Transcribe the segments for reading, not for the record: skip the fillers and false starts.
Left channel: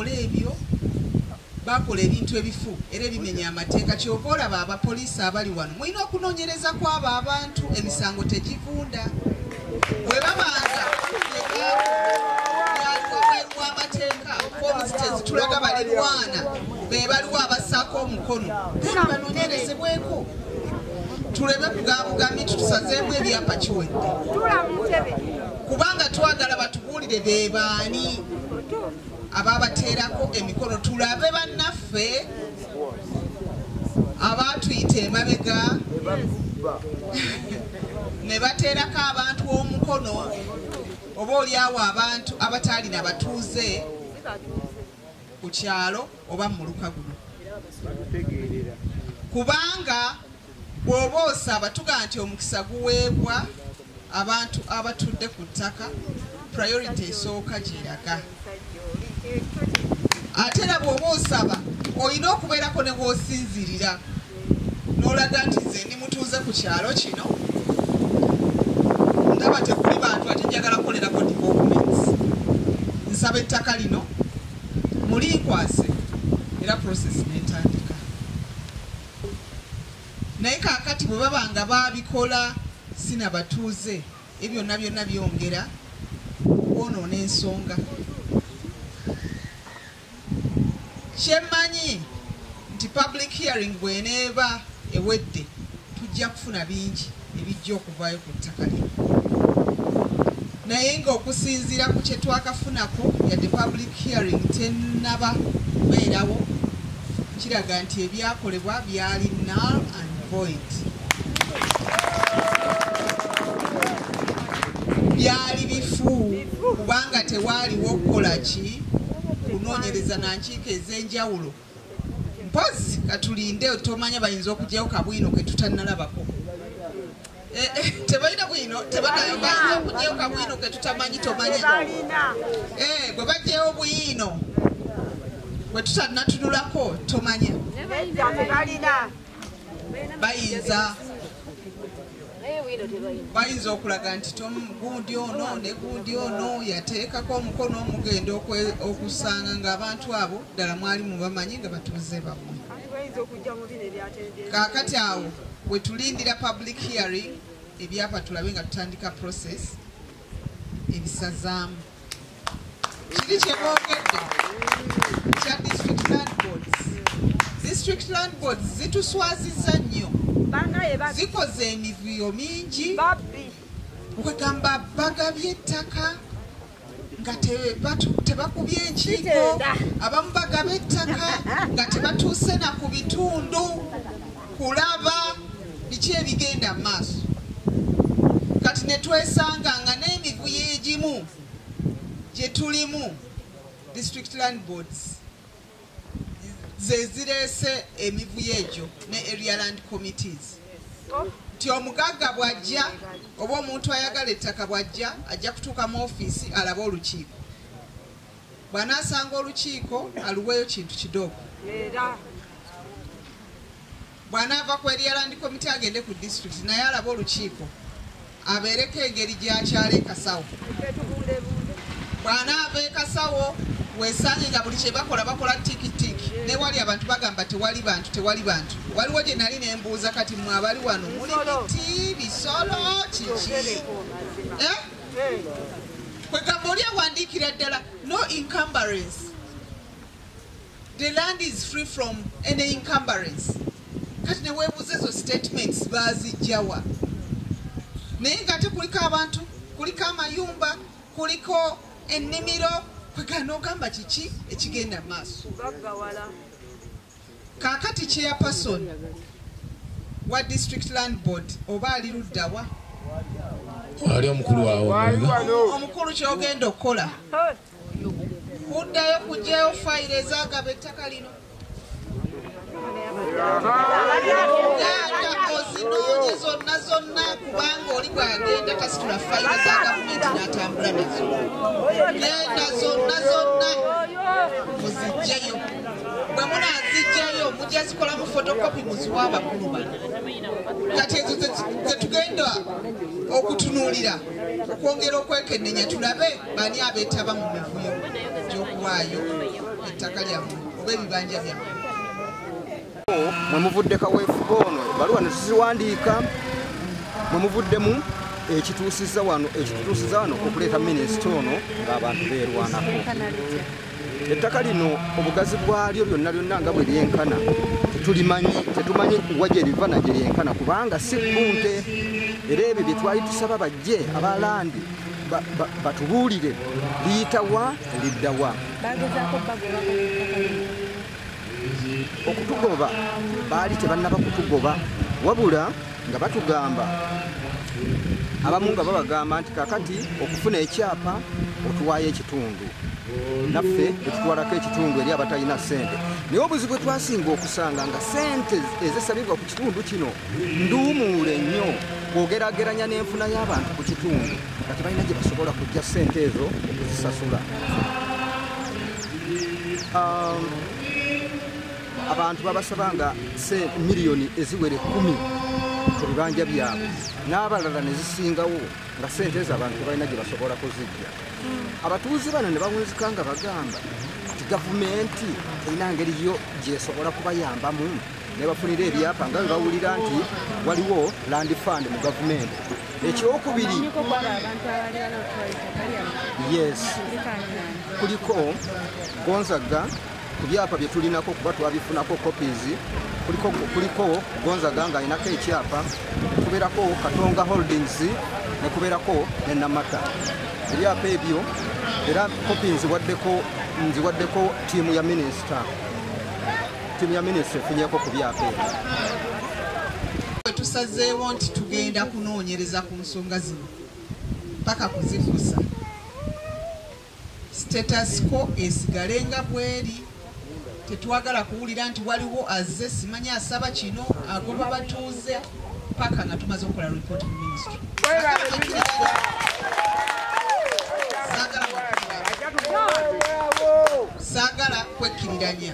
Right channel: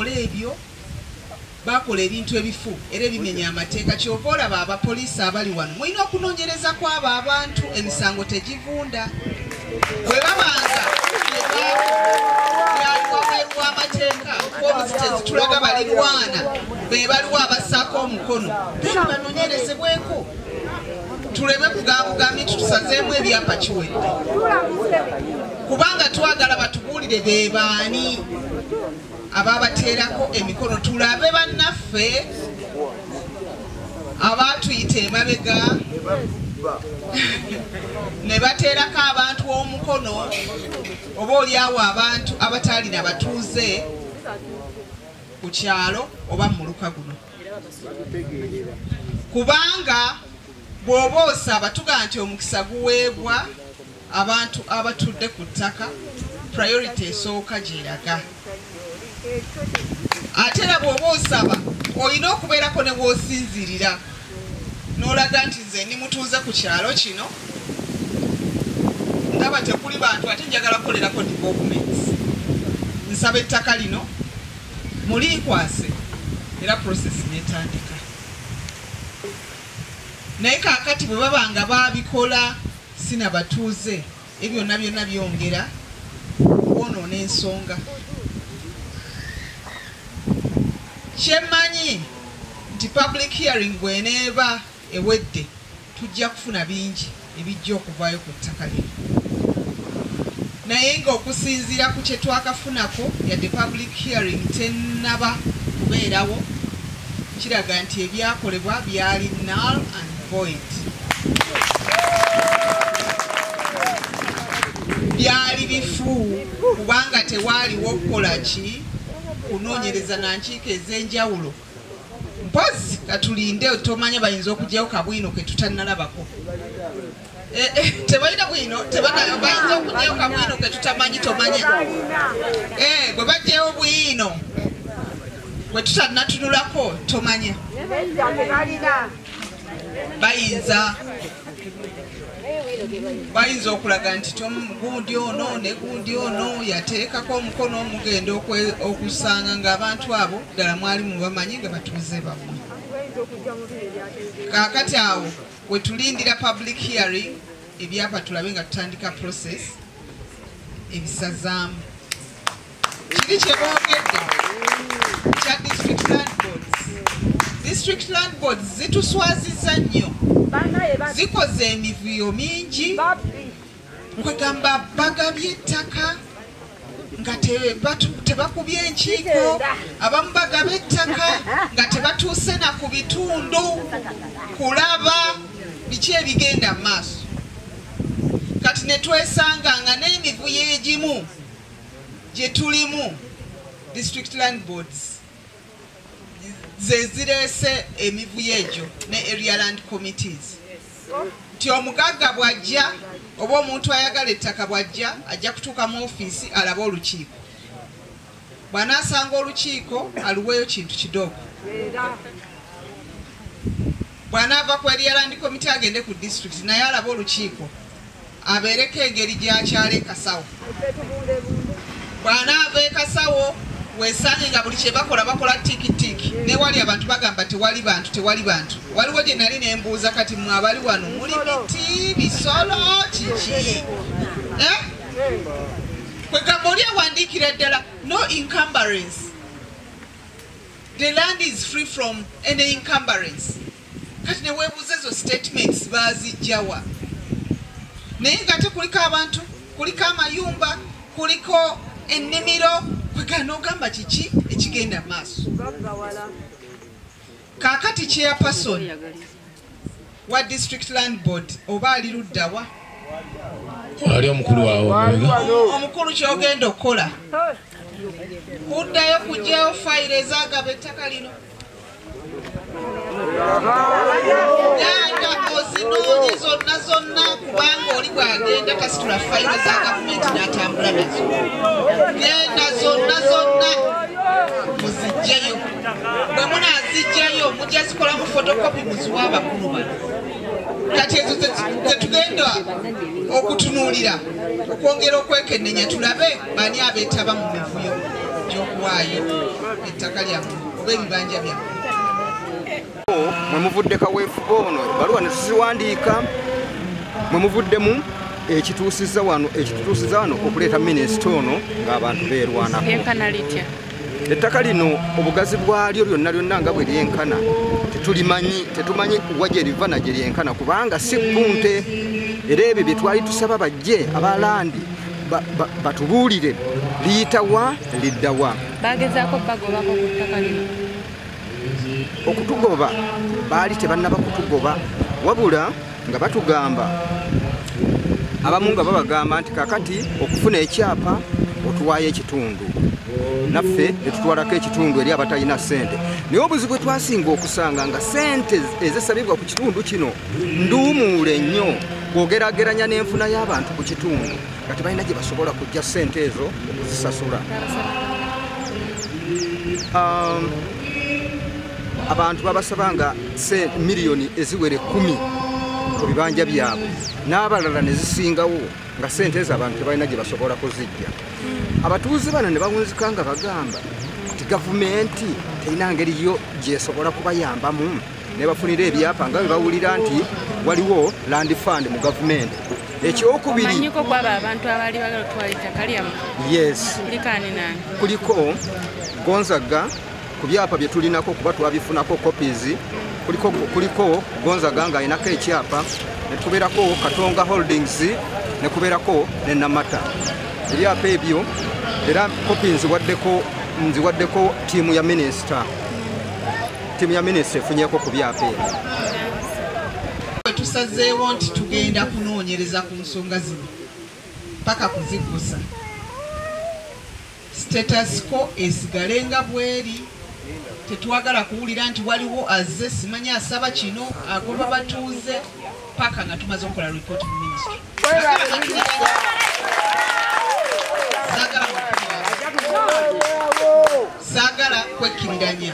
ebyo bakola ebintu ebifu era bimenya amateeka kyova olaba abapoliisi abali wano mulina okunoonyereza kwabo abantu emisango tegivunda bwe babanga yaliwaweebwa amateeka obuzitezi tulaga balirwana be baliwo abassaako omukono then banoonyerezebweko tuleme kugabugamye tutusazeemu ebyapa kiwedde kubanga twagala batubuulire be baani ababateerako emikono tulabe bannaffe abatuyita emabega ne bateerako abantu omukono oba oliawo abantu abataalina batuuze ku kyalo oba mu muluka guno kubanga bw'oba osaba tugaa nti omukisa guweebwa abantu abatudde ku ttaka priority esooka gyeraga ate era bw'oba osaba olina okubeerako ne bw'osinzirira n'olaga nti nze ndi mutuuze ku kyalo kino ndaba tekuli bantu ate njagala kukolerako developments nsaba ettaka lino mulinkwase era process netandika naye kaakati bwe baba nga babikola sina batuuze ebyo byonna byongera kwonoona ensonga kyemmanyi nti public hearing bweneeba ewedde tujja kufuna bingi ebijja okuvaayo ku ttaka lino naye ng'okusinziira ku kye twakafunako yadde public hearing tennaba kubeerawo kiraga nti ebyakolebwa byali null and void byali bifu kubanga tewaaliwo okukola ki kunoonyereza na nkiiko ez'enjawulo mpozi katulinde tomanya bayinza okugyayo kabwino ke tutannalabako tebalina bwino bayinza okugyayo kabwino ke tutamanyi tomanya bwe bajjayo bwino bwe tutannatunulako tomanya bayinza okulaga nti gundi ono ne gundi ono yateekako omukono omugenda okusanga ng'abantu abo ddala mwali mubamanyi nga batuuze bammwe kaakati awo bwe tulindira public hearing ebyapa tulabe nga tutandika process ebisazaamu kiri kye boogedde kya district land boards. District land boards zituswazizza nnyo zikoze emivuyo mingi kwegamba bagabye ettaka nga tebakubye enkiiko abamu bagaba ettaka nga tebatuuse na ku bitundu kulaba biki ebigenda mu maaso kati ne twesanga nga n'emivuyo egimu gye tulimu district land boards zezireese emivuyo egyo ne area land committees nti omugagga bw'ajja oba omuntu ayagala ettaka bw'ajja ajja kutuuka mu ofiisi alabe olukiiko bw'anaasanga olukiiko aluweeyo kintu kidogo bw'anaava ku area land committee agende ku district naye alabe olukiiko abeereko engeri gy'akyala ekasawo bw'anaava ekasawo weesange nga buli kye bakola tikitiki newali abantu bagamba tewali bantu waliwo gye nali nembuuza kati mwe abali wano muli biti bisolo kiki kwegamba oli awandiikira ddala no encumbrance, the land is free from any encumbrance. Kati neweebuuza ezo statements baazijjawa naye nga te kuliko abantu kuliko amayumba kuliko ennimiro kwegana ogamba kiki ekigenda mu maaso kaakati chairperson wa district land board oba ali luddawa ali omukulu wawo omukulu kyogenda okukola kuddayo kugyayo fayiro ezagaba ettaka lino genda ozinoonye zonna kubanga oli bwagenda kasitula fayiro za gavumenti n'atambula nazo genda zonna muzijjayo bwe munaazijjayo mujja zikolamu fotokopi muziwa abakulu bano kati ezo zetugenda okutunuulira okwongera okwekennenya tulabe bani abeetaba mu mivuyo gy'okuwa kuwaayo ettaka lyammwe oba ebibanja byammwe. Mwe muvudde kaweefube ono ebbaluwa ne tuziwandiika, mwe muvuddemu ekituusiza wano okuleeta minisita ono ng'abantu beerwanako. Ettaka lino obugazi bwalyo lyonna nga bwe lyenkana tetumanyi wa gye liva na gye lyenkana kubanga si punte. Era ebyo bye twali tusaba bajje abalandi batubuulire liyitawa liddawa. Bagezaako bagobako ku ttaka lino. Okutugoba baali tebannaba kutugoba wabula nga batugamba abamu nga babagamba nti kakati okufuna ekyapa otuwaayo ekitundu naffe netutwalako ekitundu eri abatalina ssente. Naye obuzibu bwe twasinga okusanga nga ssente ezisabibwa ku kitundu kino nduumuule nnyo bw'ogerageranya n'enfuna y'abantu ku kitundu nga tebalina gye basobola kujja ssente ezo okuzisasula. Abantu babasabanga miliyoni eziwere 10 ku bibanja byabwe n'abalala ne zisingawo nga ssente ezo abantu tebalina gye basobola kuzijja. Abatuuze bano ne bawunzika nga bagamba nti gavumenti terina ngeri yo gyesobola kubayambamu ne bafunira ebyapa nga bwe bawulira nti waliwo land fund mu gavumenti. Ekyokubiri yes kuliko Gonzaga ku byapa bye tulinako kuba twabifunako copies. Kuliko Gonzaga nga ayinako ekyapa ne tukubeerako Katonga Holdings ne kubeerako ne Namata. Ebyapa ebyo era copies nziwaddeko tiimu ya minisita. Tiimu ya minisita efunyeko ku byapa ebyo. Tusazeewo nti tugenda kunoonyereza ku nsonga zino paka kuzibuusa. Status quo esigale nga bweri. Tetwagala kuwulira nti waliwo azze simanyi asaba kino agoba batuuze paka nga tumaze okukola report mu ministry. Saagala kwekkiriranya.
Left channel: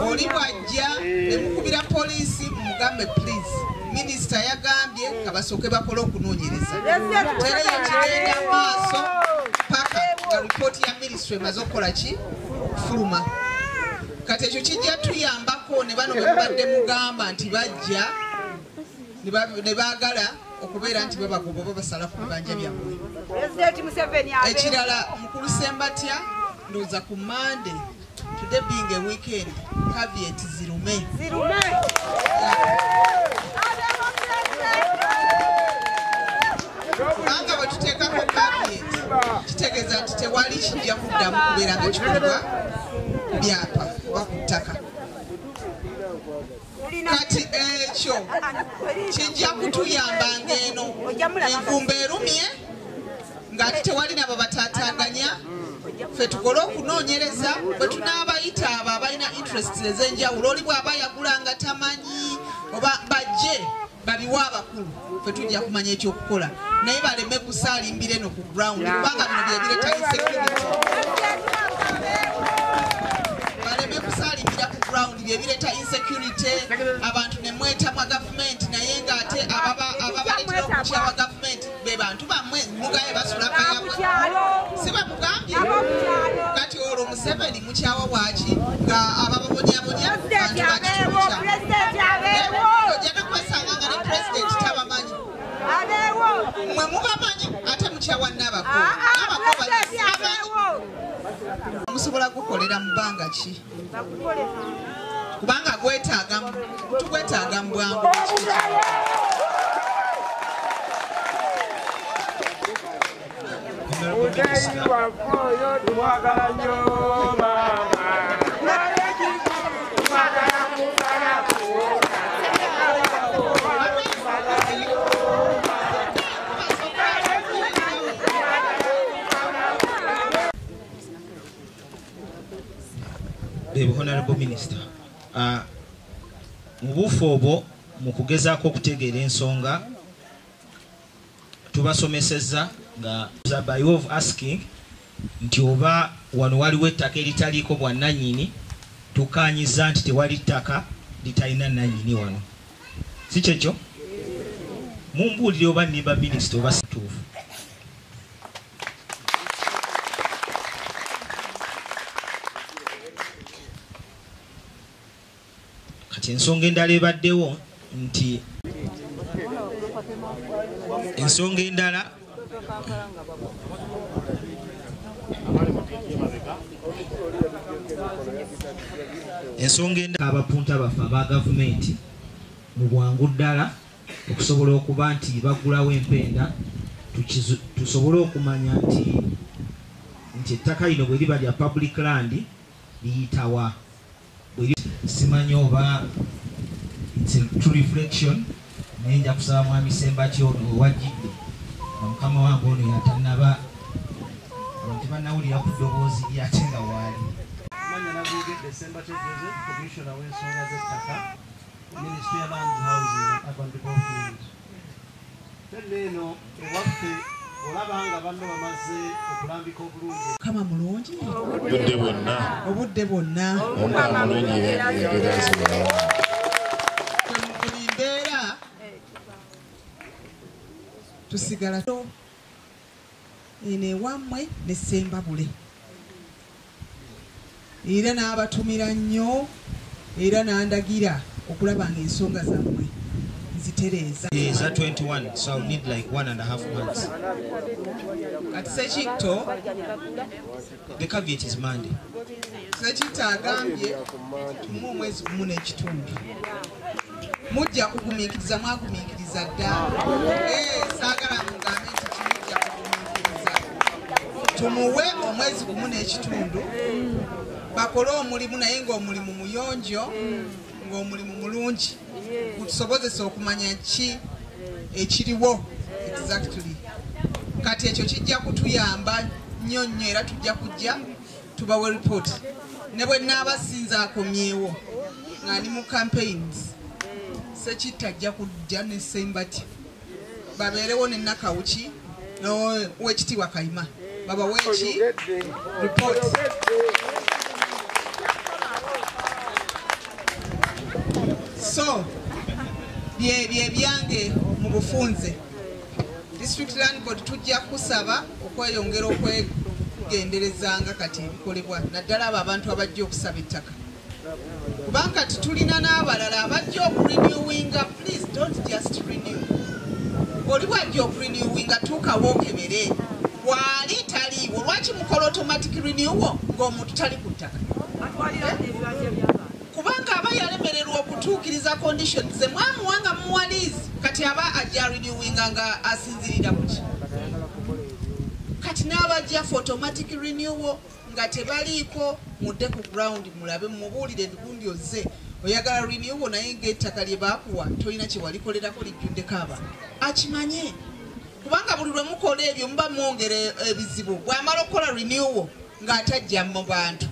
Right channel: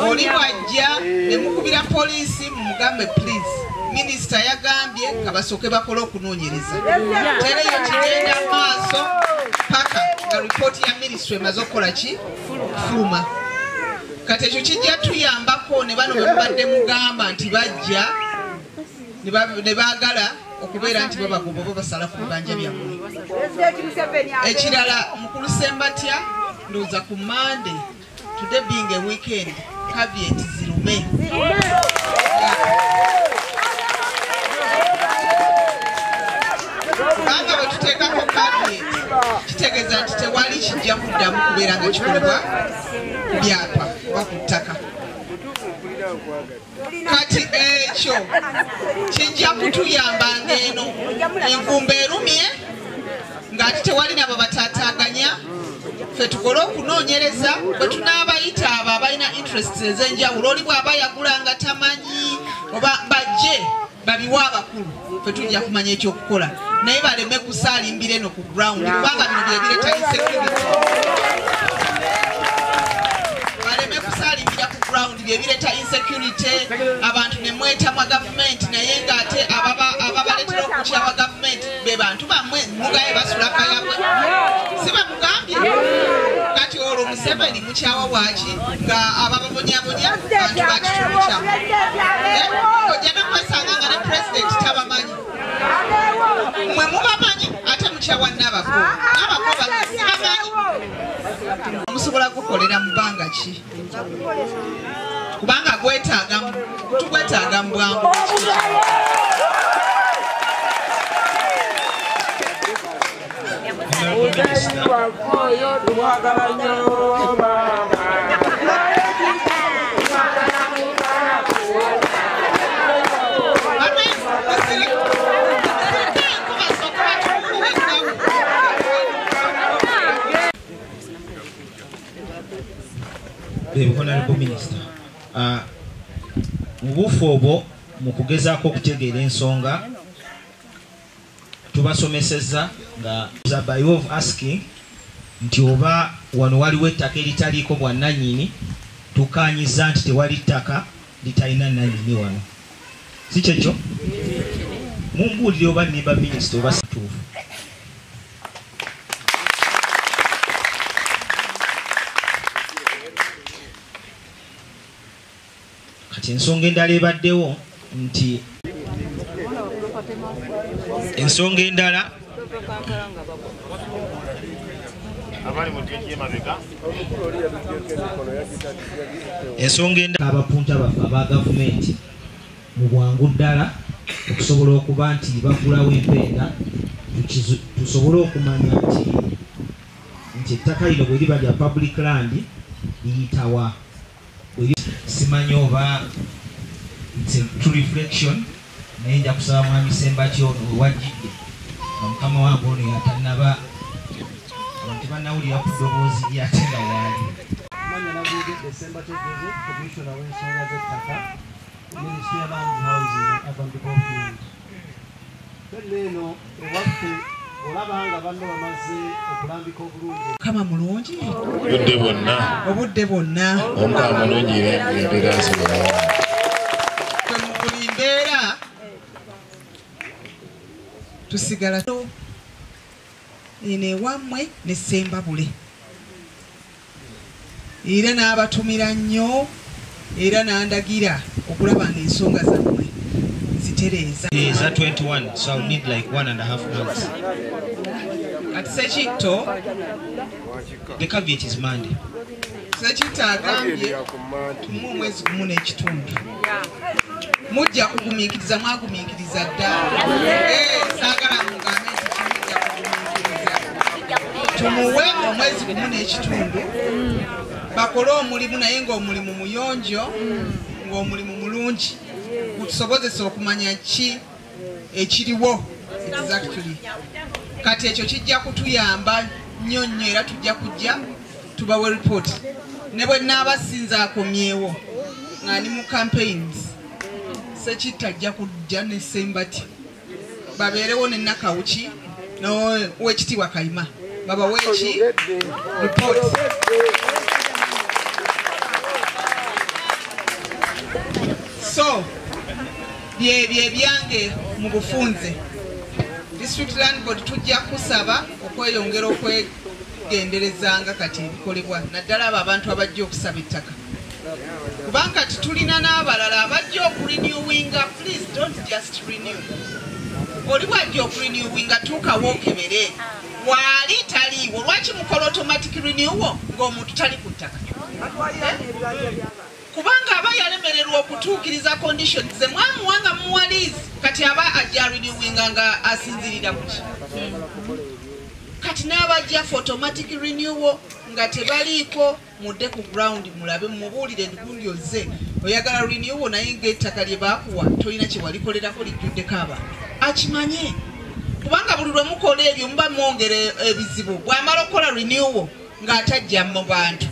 Oli bw'ajja ne mukubira poliisi mumugambe please minisita yagambye kabasooke bakole okunoonyereza. Tereyo kigenda maaso paka nga ripooti ya ministry emaze okukola ki okufuluma. Kati ekyo kijja tuyambako ne bano bwe mubadde mugamba nti bajja ne baagala okubeera nti babagoba babasala ku bibanja byammwe. Ekirala mukulu Sembatya ndowooza ku Monday today being a weekend caveat zirume. Kubanga bwe tuteekako caveat kitegeeza nti tewali kijja kuddamu kubeera nga kikolebwa ku byapa oba ku ttaka. Kati ekyo kijja kutuyamba ng'eno envumba erumye ng'ati tewali nabo bataataaganya ffe tukole okunoonyereza bwe tunaabayita abo abalina interests ez'enjawulo oli bw'aba yagula nga tamanyi oba bajje babiwa abakulu ffe tujja kumanya ekyokukola naye baleme kusaalimbira eno ku ground kubanga bino bye bireeta insecurity. Baleme kusaalimbira ku ground bye bireeta insecurity abantu ne mwetamwa gavumenti naye ng'ate ababaleetera okukyawa gavumenti be bantu bammwe mugaye basula kayabwe si bamugambye. Kati olwo Museveni mukyawa bwaki nga abababonyabonya bantu bakitundu kyabwe ojja n'okwesanga nga ne pulezidenti tabamanyi mwe mubamanyi ate mukyawa n'abako sibamanyi. Musobola gukolera mu bbanga ki kubanga tugwetaaga mu bwangu. Honorable Minister, mu buufu obwo mu kugezaako okutegeera ensonga tubasomesezza nga by way of asking nti oba wano waliwo ettaka eritaliiko bwannannyini tukanyiza nti tewali ttaka litalina nannyini wano si kyekyo mumbuulire oba nimba minisita oba situufu. kati ensonga endala ebaddewo nti ensonga endala abapunta baffe aba gavumenti mu bwangu ddala okusobola okuba nti bagulawo empenda tusobole okumanya nti ettaka lino bwe liba lya public land liyitawa. Simanyi oba it's a true reflection naye nja kusaba mwami Sembaki ono owajjidde nga mukama wange ono yatannaba abantu bannawulira ku ddoboozi lyate nga waali. Manya nabigedde Sembaki Joseph, Commissioner w'ensonga z'ettaka, Ministry of Land Housing, Urban Development. Eno ewaffe olaba nga banno bamaze okulambika obulungi. Kama mulungi obudde bwonna omukama mulungi embeera zibulawo. Buli mbeera tusigala eno ewammwe ne Ssembabule era n'abatumira nnyo era n'andagira okulaba ng'ensonga zammwe zitereeza. Is that 21? So I'll need like 1.5 months. Kati Ssekitto, The caveat is Monday. Ssekitto agambye tumuwe omwezi gumu n'ekitundu. Mujja kugumiikiriza mwagumiikiriza dda. Saagala mugambe nti kimujja kugumiikiriza. Tumuwe omwezi gumu n'ekitundu bakole omulimu naye ng'omulimu muyonjo ng'omulimu mulungi gutusobozesa okumanya ki ekiriwo exactly. Kati ekyo kijja kutuyamba nnyo nnyo era tujja kujja tubawe report ne bwe naabasinza akomyewo ng'ani mu campaigns Ssekitto ajja kujja ne Sembati babeerewo ne Nakawuki n'Oweekitiibwa Kayima babawe ki report. So byebyo ebyange mu bufunze District Land Board tujja kusaba okweyongera okwegenderezanga kati ebikolebwa naddala abo abantu abajja okusaba ettaka kubanga tulina n'abalala abajja okurenewinga. Please don't just renew. Oli bwajja okurenewinga tuukawo okebere waali taliiwo lwaki mukola automatic renewal ng'omuntu tali ku ttaka kubanga aba yalemererwa okutuukiriza conditions ze mwamuwanga muwalizi kati aba ajja renewinga nga asinzirira kuki kati n'abajja for automatic renewal nga tebaliiko mudde ku ground mulabe mubuulire endugundi ozze oyagala renewal naye ng'ettaka lye baakuwa tolina kye walikolerako lijjuddeko abantu akimanye kubanga buli lwe mukola ebyo muba mwongera ebizibu. Bw'amala okukola renewal ng'atajja mu bantu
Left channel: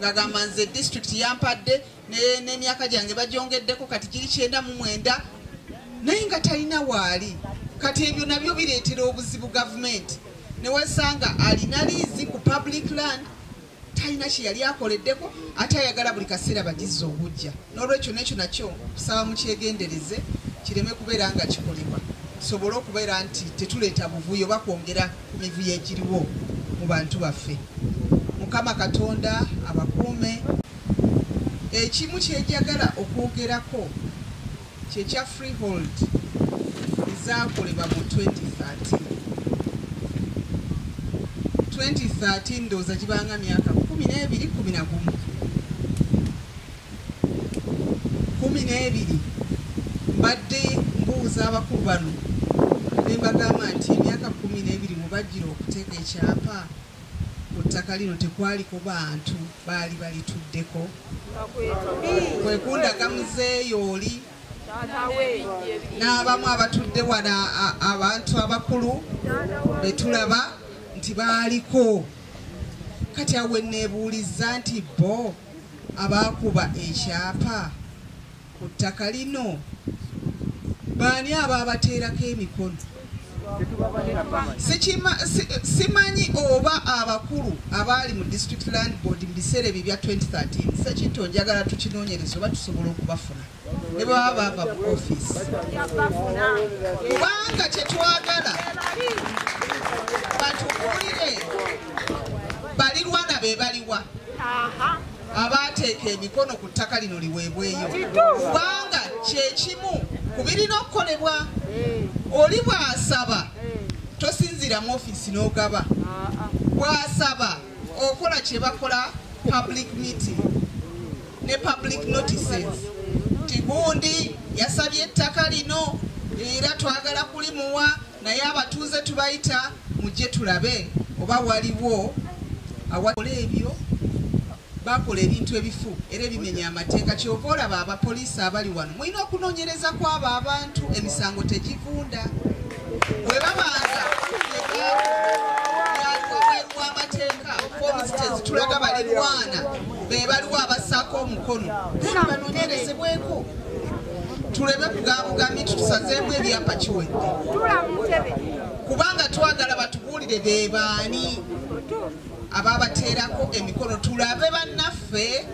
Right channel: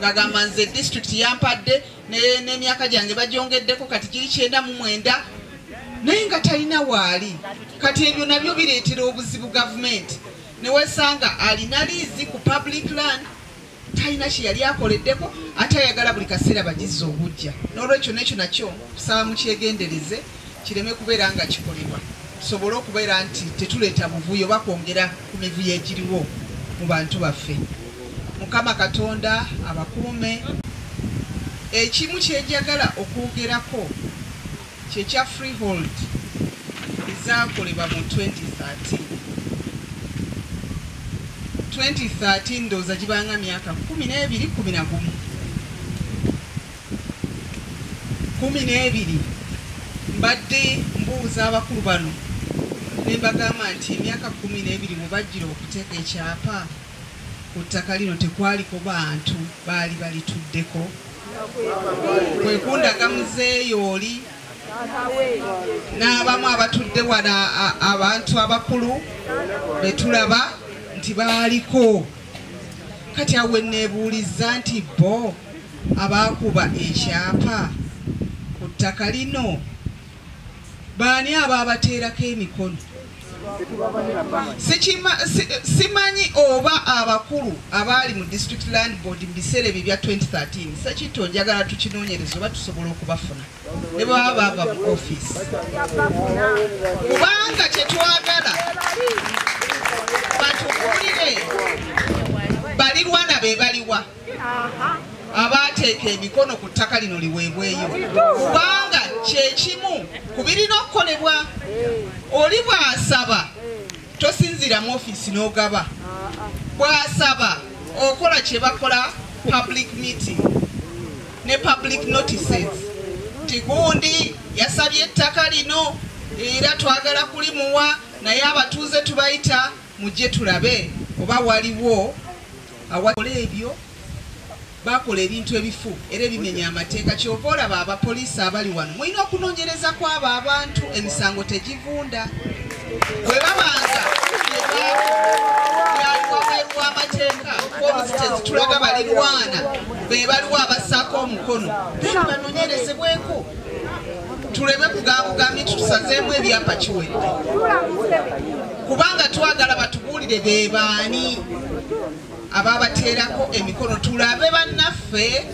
ng'agamba nze district yampadde n'emyaka gyange bagyongeddeko kati giri 99 naye nga talina waali. Kati ebyo nabyo bireetera obuzibu gavumenti ne wesanga alina liizi ku public land talina kye yali akoleddeko ate ayagala buli kaseera bagizza obujja. N'olwekyo nekyo nakyo tusaba mukyegendereze kireme kubeera nga kikolebwa tusobole okubeera nti tetuleeta buvuyo bakwongera ku mivuyo egiriwo mu bantu baffe. Mukama Katonda abakuume. Ekimu kyejagala okwogerako kyekya freehold ezaakolebwa mu 2013 ndowooza gibanga myaka 12 mbadde mbuuza abakulu bano ne mbagamba nti emyaka 12 mubajjira okuteeka ekyapa ku ttaka lino tekwaliko bantu baali balituddeko kwekundaga muzeeyo oli n'abamu abatudde wano abantu abakulu betulaba nti baaliko. Kati awe neebuuliza nti bo abaakuba ekyapa ku ttaka lino baani abaabateerako emikono? Simanyi oba abakulu abaali mu District Land Board mu biseera ebyo bya 2013 Ssekitto njagala tukinoonyereza oba tusobola okubafuna ne baba bava mu office kubanga kyetwagala batukuulire balirwana be baliwa abateeka emikono ku ttaka lino liweebweyo kubanga kyekimu ku birina okukolebwa. Oli bw'asaba tosinzira mu ofiisi n'ogaba, bw'asaba okola kye bakola public meeting ne public notices nti gundi yasabye ettaka lino era twagala kulimuwa naye abatuuze tubayita mujje tulabe oba waliwo awakola ebyo. Bakola ebintu ebifu era ebimenya amateeka. Kyova olaba abapoliisi abali wano mulina okunoonyereza kwabo abantu emisango tegivunda. Bwe babanga yaliwaweebwa amateeka fomuzi tezitulaga balirwana be baliwo abassaako omukono then banoonyerezebweko. Tuleme kugabugamye tutusazeemu ebyapa kiwedde kubanga twagala batubuulire be baani ababateerako emikono. Tulabe bannaffe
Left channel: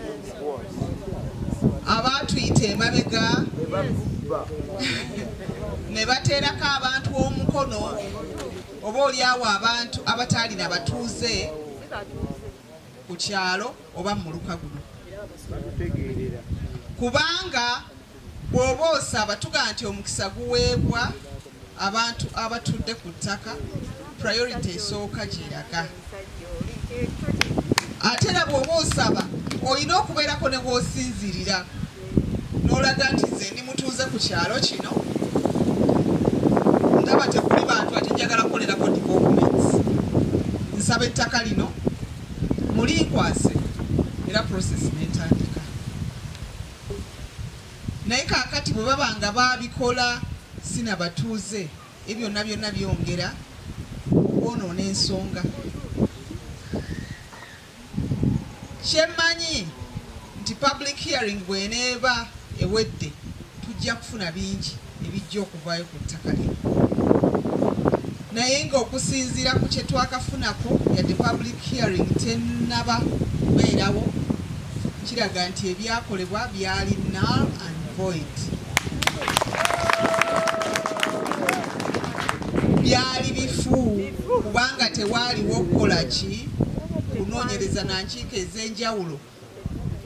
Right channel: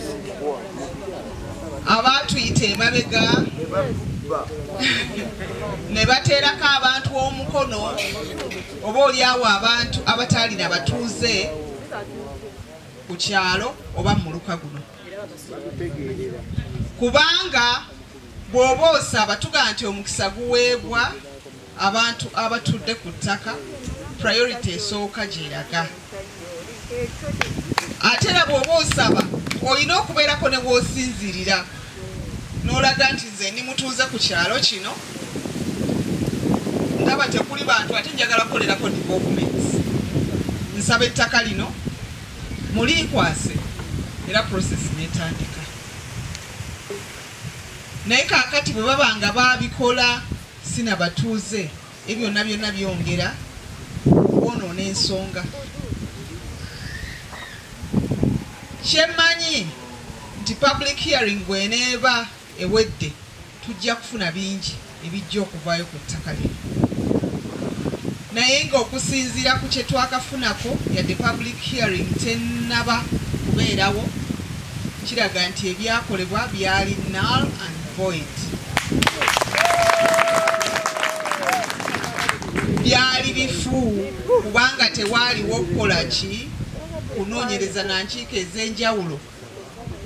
abatuyita emabega ne bateerako abantu omukono oba oliawo abantu abataalina batuuze ku kyalo oba mu muluka guno. Kubanga bw'oba osaba tugaa nti omukisa guweebwa abantu abatudde ku ttaka, priority esooka gyeraga. Ate era bw'oba osaba olina okubeerako ne bw'osinzirira n'olaga nti nze ndi mutuuze ku kyalo kino, ndaba tekuli bantu ate njagala kukolerako developments, nsaba ettaka lino mulinkwase era process netandika. Naye kaakati bwe baba nga babikola sina batuuze ebyo byonna byongera okwonoona ensonga. Kyemmanyi nti public hearing bw'eneeba ewedde tujja kufuna bingi ebijja okuvaayo ku ttaka lino, naye ng'okusinziira ku kye twakafunako yadde public hearing tennaba kubeerawo, kiraga nti ebyakolebwa byali null and void. Byali bifu kubanga tewaaliwo okukola ki kunoonyereza na nkiiko ez'enjawulo.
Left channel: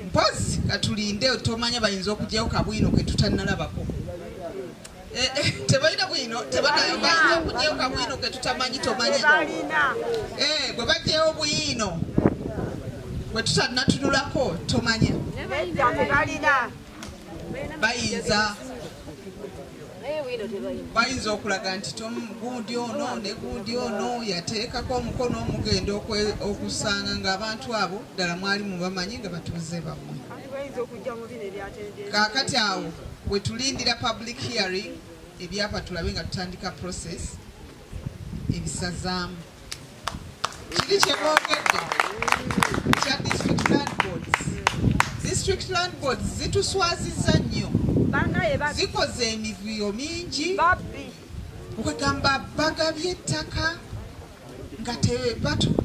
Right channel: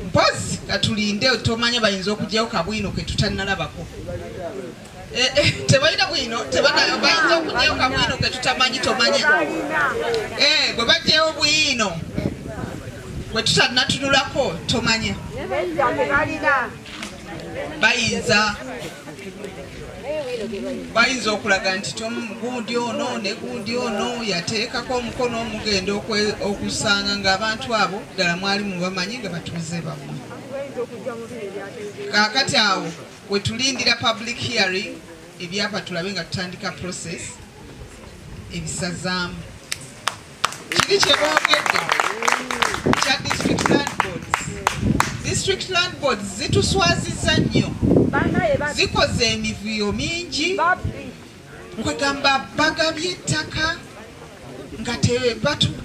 Mpozi katulinde tomanya bayinza okugyayo kabwino ke tutannalabako. Tebalina bwino bayinza okugyayo kabwino ke tutamanyi tomanya. Bwe bajjayo bwino bwe tutannatunulako tomanya. Bayinza okulaga nti gundi ono ne gundi ono yateekako omukono omugenda okusanga ng'abantu abo ddala mwali mubamanyi nga batuuze bammwe. Kaakati awo we tulindira public hearing ebyapa tulabe nga tutandika process ebisazaamu. Kiri kye boogedde kya district land boards. District land boards zituswazizza nnyo, zikoze emivuyo mingi. Nkwegamba bagabye ettaka nga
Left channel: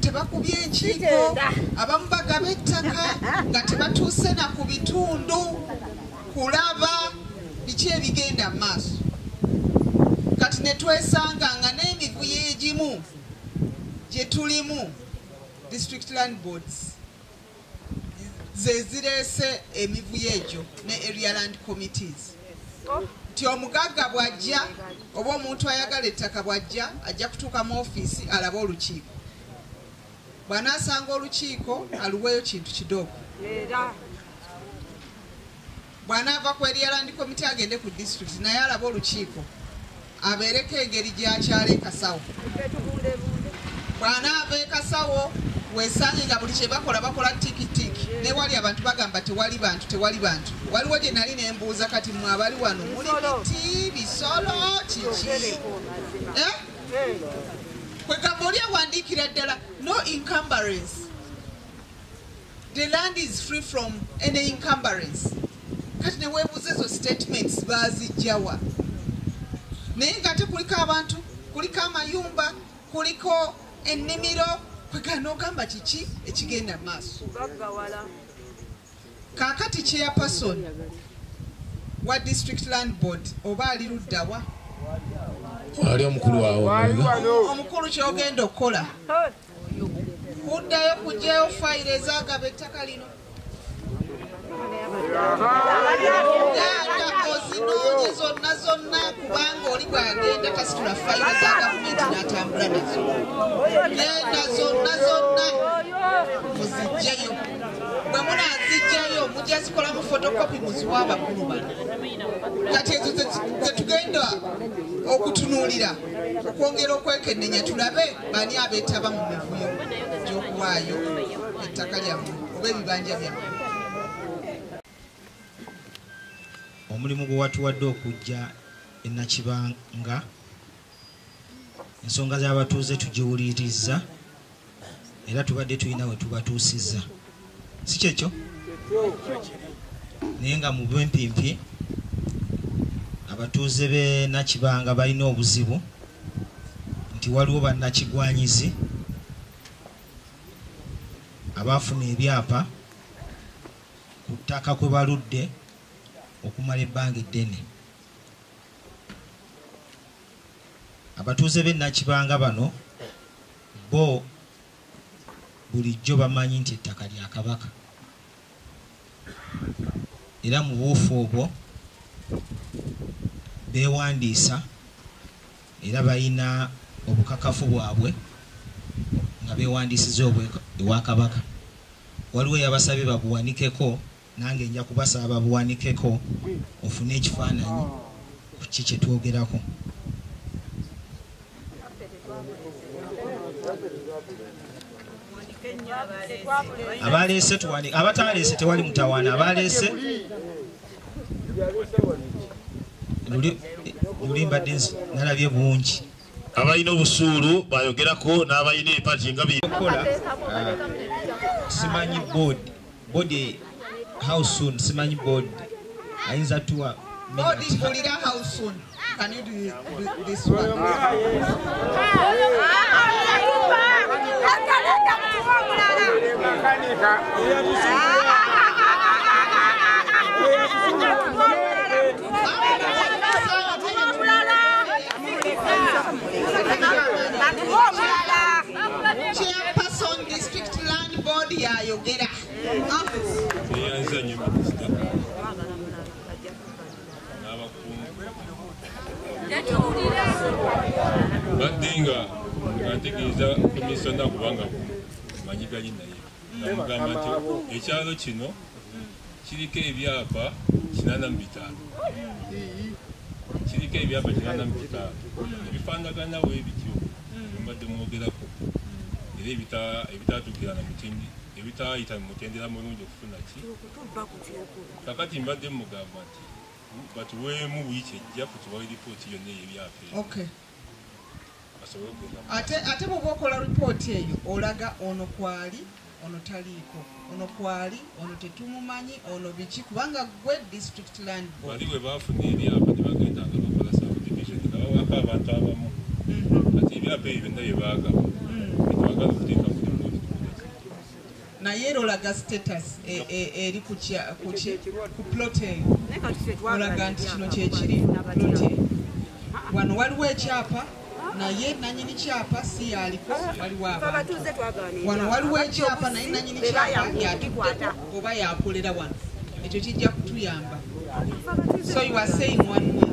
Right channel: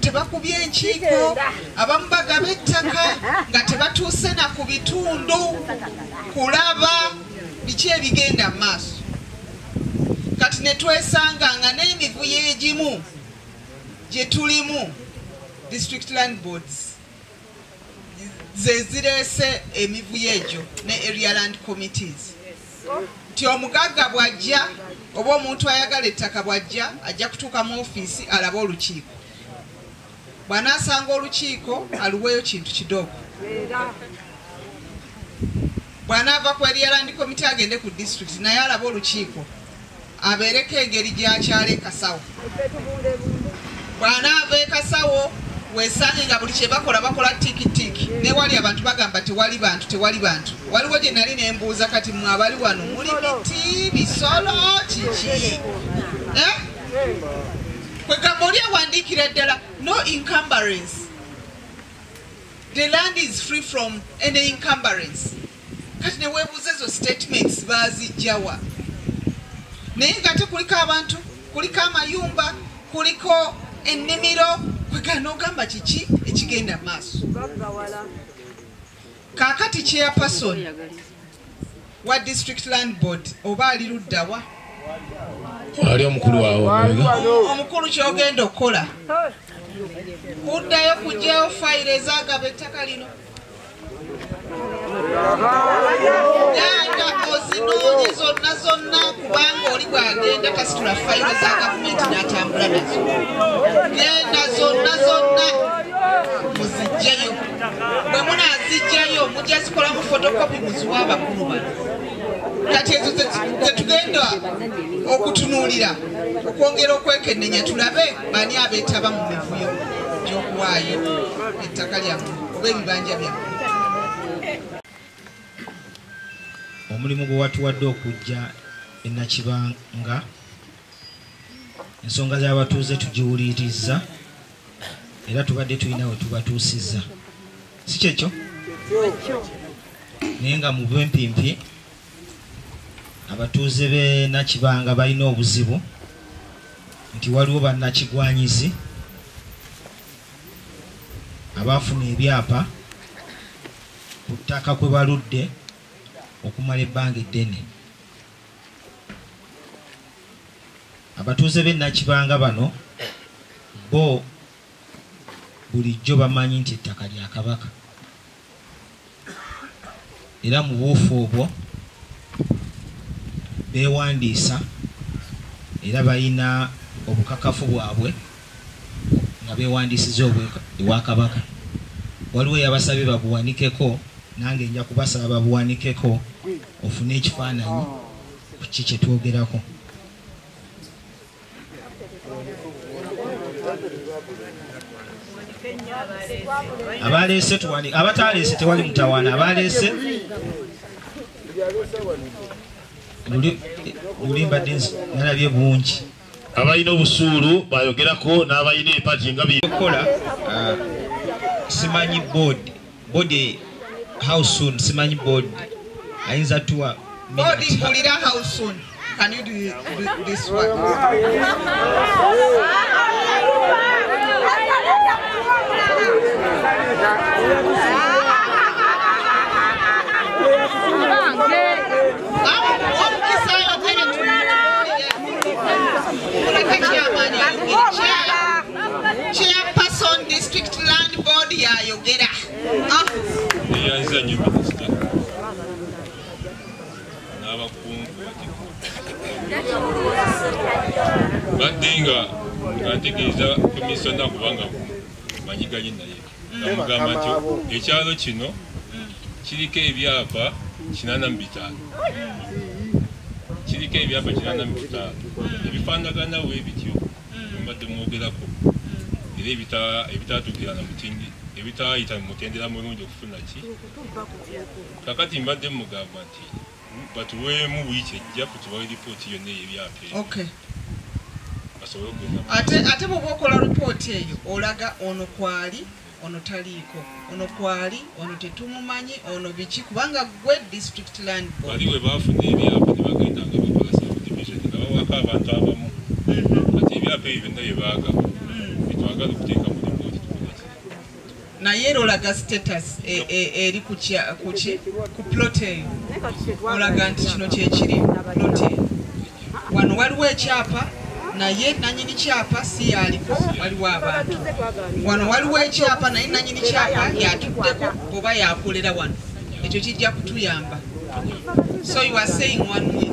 tebakubye enkiiko, abamu bagaba ettaka nga tebatuuse na ku bitundu kulaba biki ebigenda mu maaso. Kati ne twesanga nga n'emivuyo egimu gye tulimu district land boards ze zireese emivuyo egyo ne area land committees. Nti omugagga bw'ajja oba omuntu ayagala ettaka bw'ajja ajja kutuuka mu ofiisi alabe olukiiko. Bw'anaasanga olukiiko aluweeyo kintu kidogo. Bw'anaava ku area land committee agende ku district naye alabe olukiiko abeereko engeri gy'akyala ekasawo. Bw'anaava ekasawo weesange nga buli kye bakola tikitiki, ne wali abantu bagamba tewali bantu. Waliwo gye nali ne mbuuza kati mmwe abali wano muli biti bisolo kiki? Kwegamba oli awandiikira ddala no encumbrance. The land is free from any encumbrance. Kati ne weebuuza ezo statements baazijjawa. Naye nga te kuliko abantu, kuliko amayumba, kuliko ennimiro, kwegana ogamba kiki ekigenda mu maaso. Kaakati chairperson wa district land board oba ali ludda wa? Ali omukulu wawo. Omukulu ky'ogenda okukola kuddayo kugyayo fayiro ezaagaba ettaka lino. agenda tasitula fayiro za gavumenti n'atambula nazo. Genda zonna muzijjayo. Bwe munaazijjayo mujja zikolamu fotokopi muziwa abakulu bano. Kati ezo ze tugenda okutunuulira okwongera okwekennenya tulabe bani abeetaba mu mivuyo gy'okuwaayo ettaka lyammwe oba ebibanja byammwe. Omulimu gwe watuwadde okujja e Nakibanga, ensonga z'abatuuze tugiwulirizza era tubadde tulina we tubatuusizza, si kyekyo? Naye nga mu bwempimpi abatuuze b'e Nakibanga balina obuzibu nti waliwo bannakigwanyizi abaafuna ebyapa ku ttaka kwe baludde okumala ebbanga eddene. Abatuuze b'e Nakibanga bano bo bulijjo bamanyi nti ettaka lya Kabaka era mu buufu obwo beewandiisa era balina obukakafu bwabwe nga beewandiisiza ewa Kabaka. Waliwo eyabasabye babuwanikeko, nange nja kubasaba babuwanikeko ofune ekifaananyi ku ki kye twogerako. Abaleese tuwani, abataleese tewali mutawaana. Abaleese luli mbadde nalabye bungi. Abalina obusuulu bayogerako n'abalina empagi nga byekola. Simanyi board how soon, simanyi board ayinza tuwa board mpulira how soon. Can you do this one? Chairperson District Land Board yayogera. Badinga ngategeeza komisona kubanga banyiganye naye namugamba nti ekyalo kino kiriko ebyapa 85 kiriko ebyapa 85 ebifaanagana weebityo mbadde mwogerako era ebitatuukira na mutindi ebitaayita mu mutendera mulungi okufuna ki kakati mbadde mugamba nti batuweemu wiiki ejja kutuwa lipooti yonna eyebyapa. Okay. Ate bw'oba okola lipooti eyo olaga ono kwali ono taliiko, ono kwali ono tetumumanyi, ono biki, kubanga gwe district land board bali we baafuna ebyapa ne bagenda nga bakola subdivision nga bawaka abantu abamu kati ebyapa ebyo byonna bye baagaba betwagala okuteeka mu lipooti. naye era olaga status eri ku plot eyo olaga nti kino kyekiri plot eyo. Wano waliwo ekyapa naye nanyini kyapa si yaliko, waliwo abantu. Wano waliwo ekyapa naye nanyini kyapa yatuddeko oba yakolera wano. Ekyo kijja kutuyamba. So you are saying one way.